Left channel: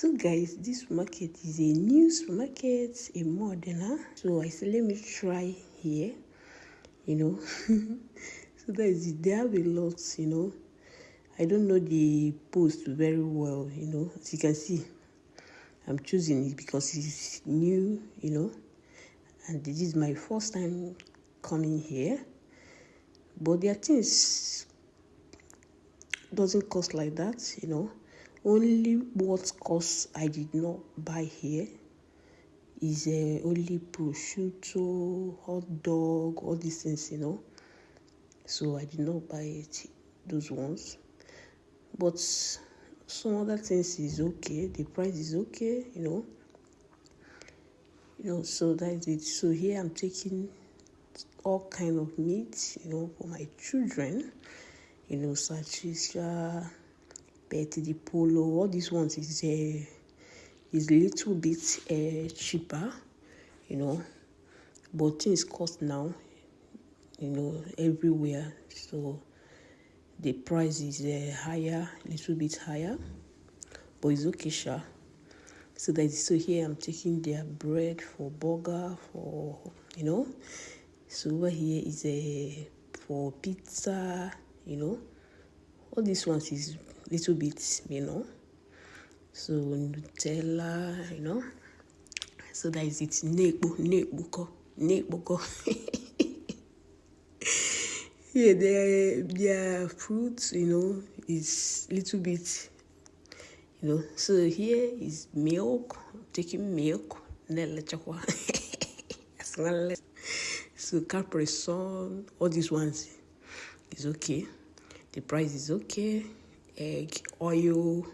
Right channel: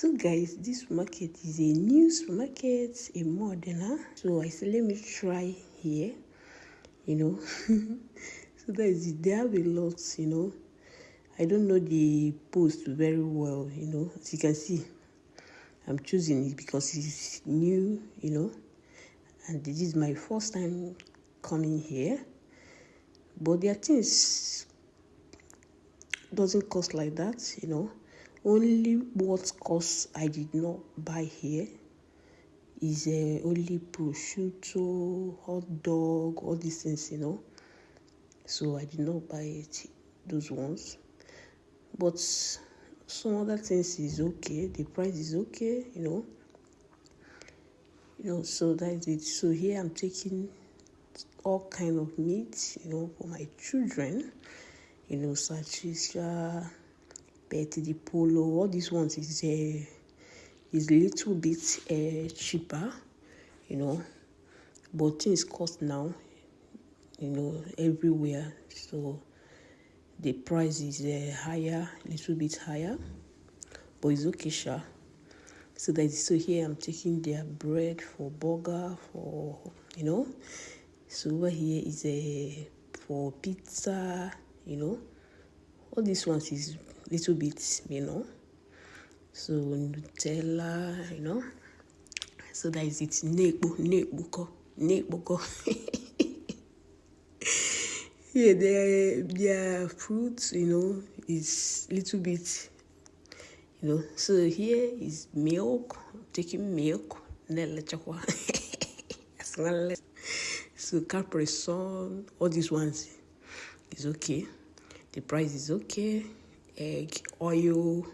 So guys, this supermarket is a new supermarket, a modern. So I said, let me try here, So that is it. They have a lot, I don't know the post very well, As you can see, I'm choosing it because it's new, And this is my first time coming here. But their things doesn't cost like that, Only what costs I did not buy here is only prosciutto, hot dog, all these things, So I did not buy those ones. But some other things is okay. The price is okay, So that is it. So here I'm taking all kind of meat, for my children, salchicha, Petit di Polo, all these ones is a little bit cheaper, but things cost now, everywhere. So the price is higher, a little bit higher, but it's okay, sure. So here I'm taking their bread for burger, for So over here is for pizza, All these ones is little bit, So Nutella, So that is it. Nekboko. Yeah, their fruits, is little bit, So here is milk. I'm taking milk. So Capri Sun, all these ones is okay. The price is okay. Egg, oil, all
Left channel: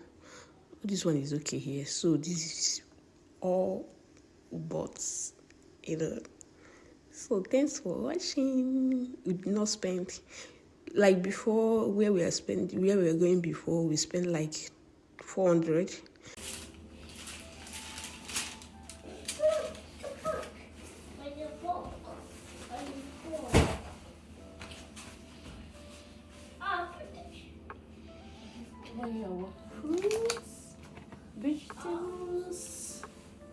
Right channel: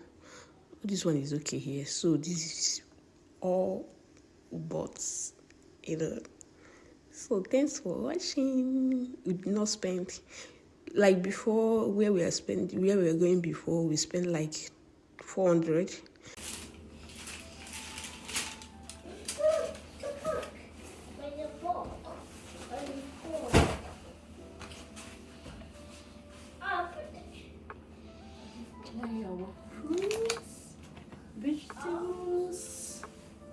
this one is okay here. So this is all bought, So thanks for watching. We did not spend like before where we were going before. We spent like 400. Fruits, vegetables,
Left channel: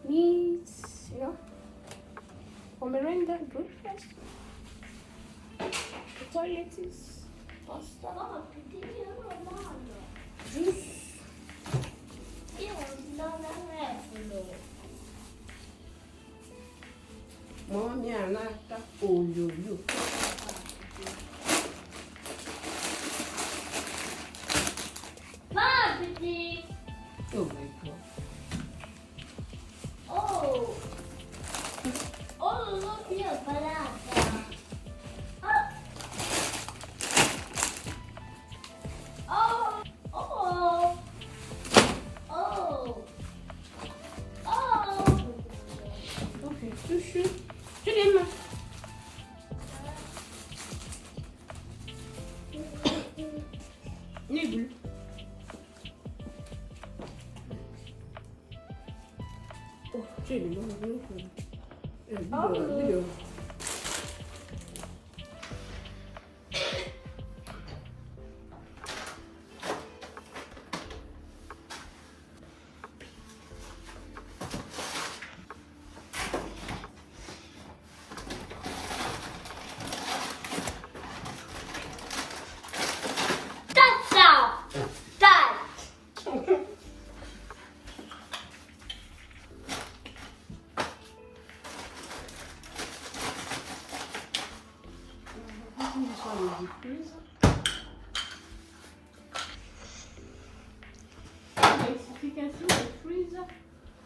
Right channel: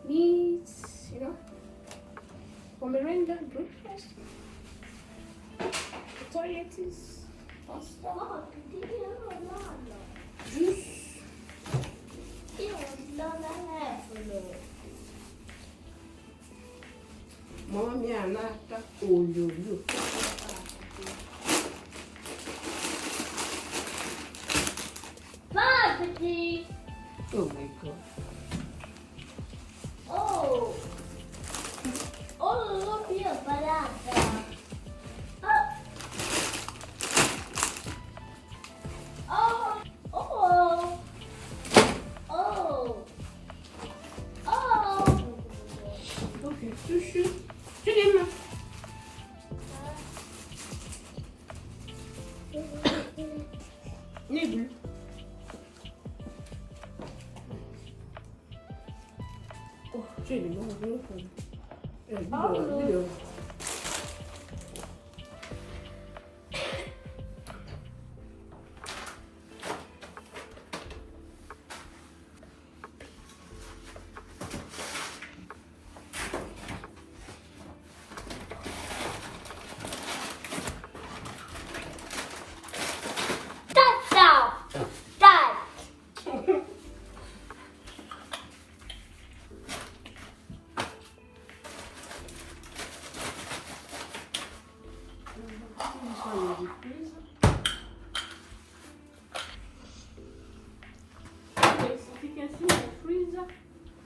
meats, for merenda, breakfast. The toilet is pasta, juice. Mommy and Nata, oh, you. Oh my God. Look here, barata. Okay, sushi. Chidema. Nibble. Oh, Chidema. Video.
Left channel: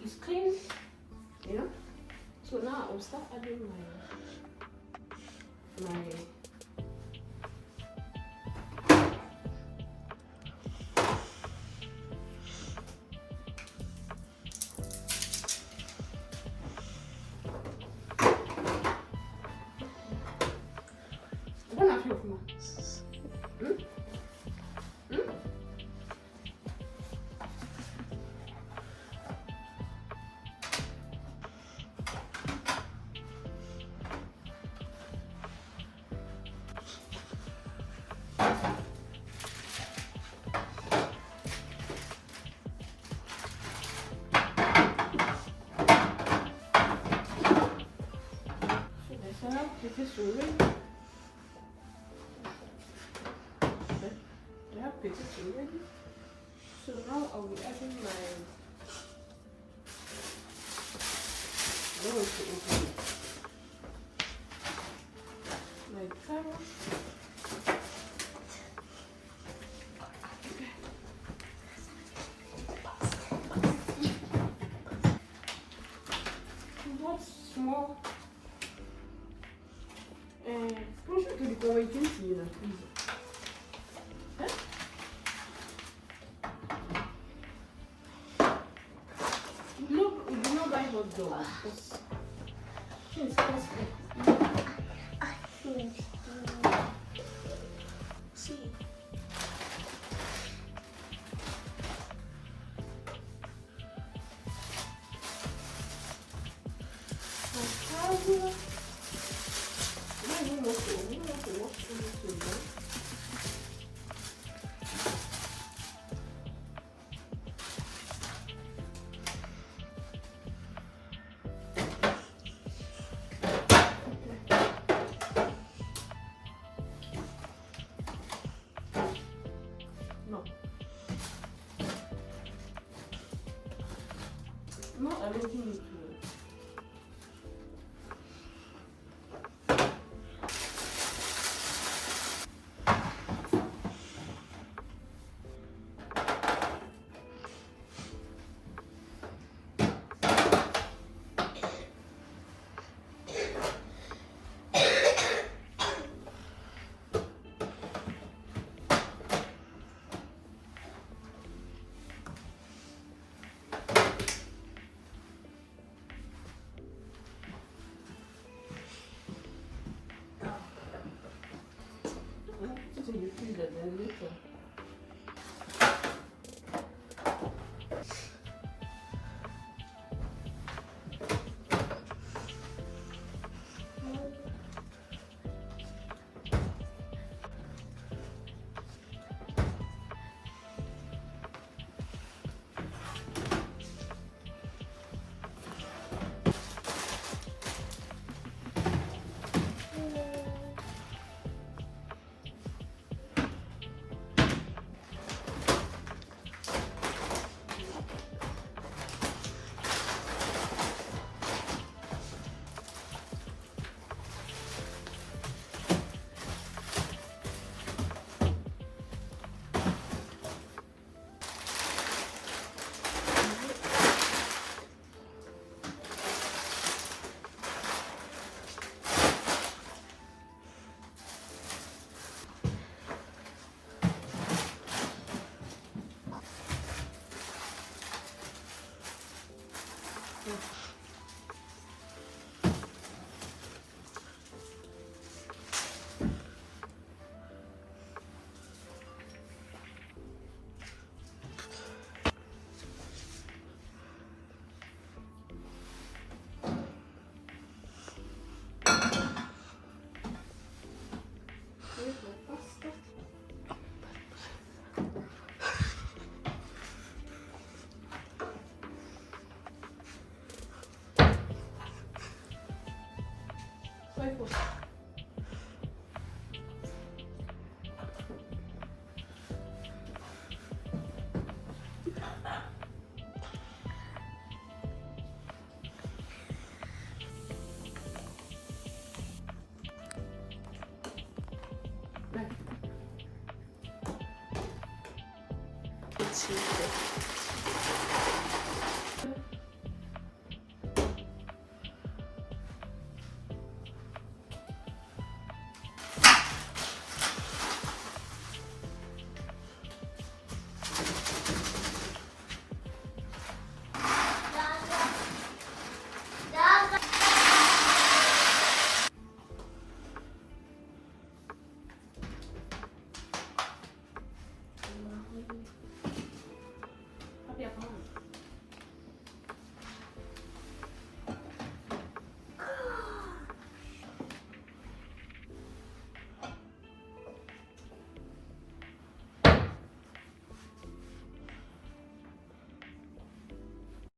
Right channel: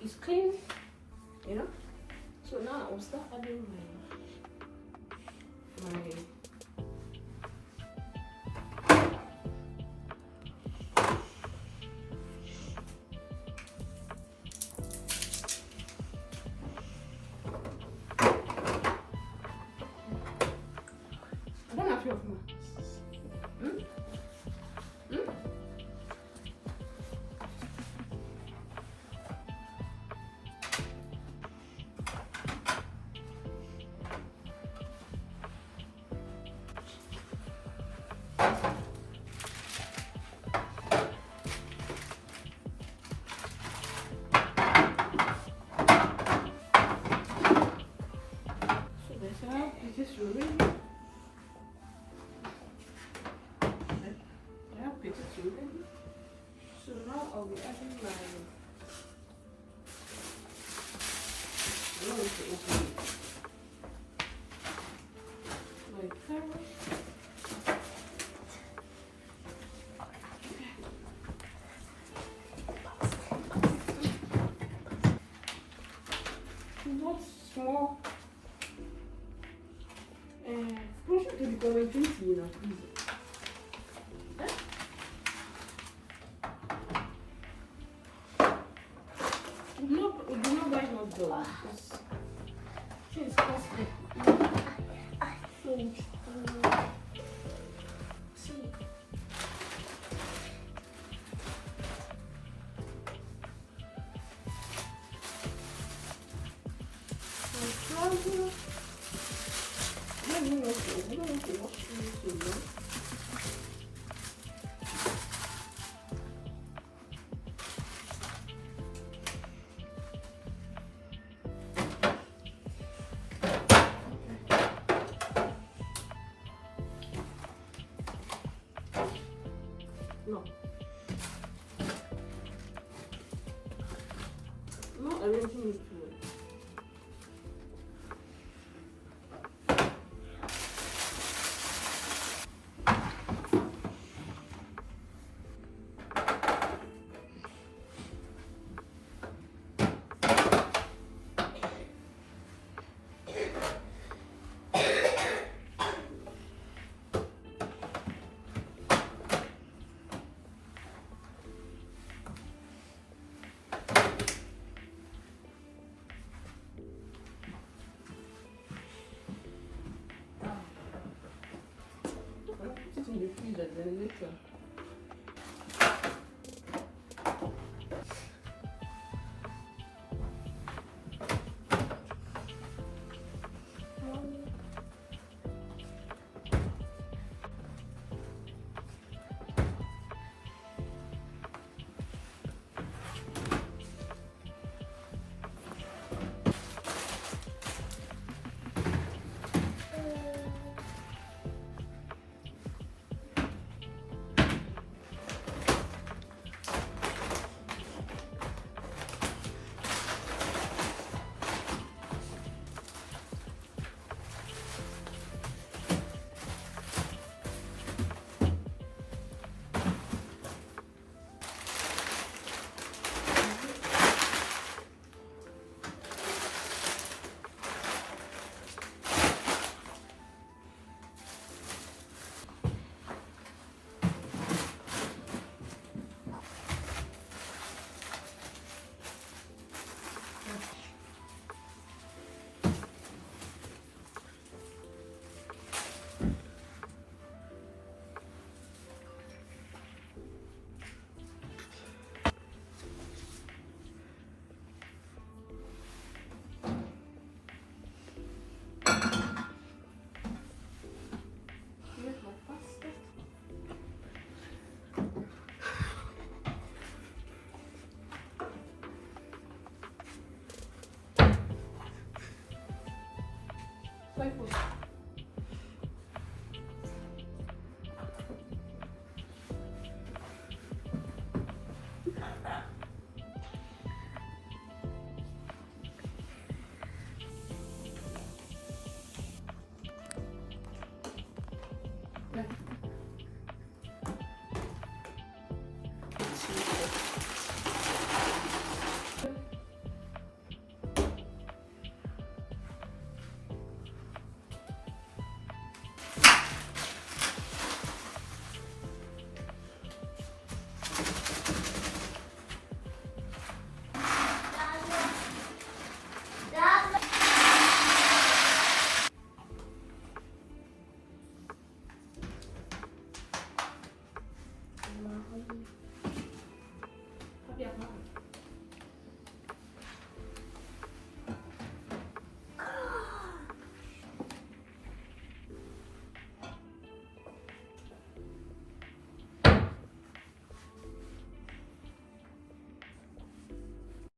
It's clean, So now I'll start adding my vegetable already. So now I'll be adding my. I'm going to open it. My carrot. What small? Proszę to tylko najczęściej na chwilę. No, do not buy hot dog because it's costly. See. No. No, everything is good. Put it in the freezer, then later.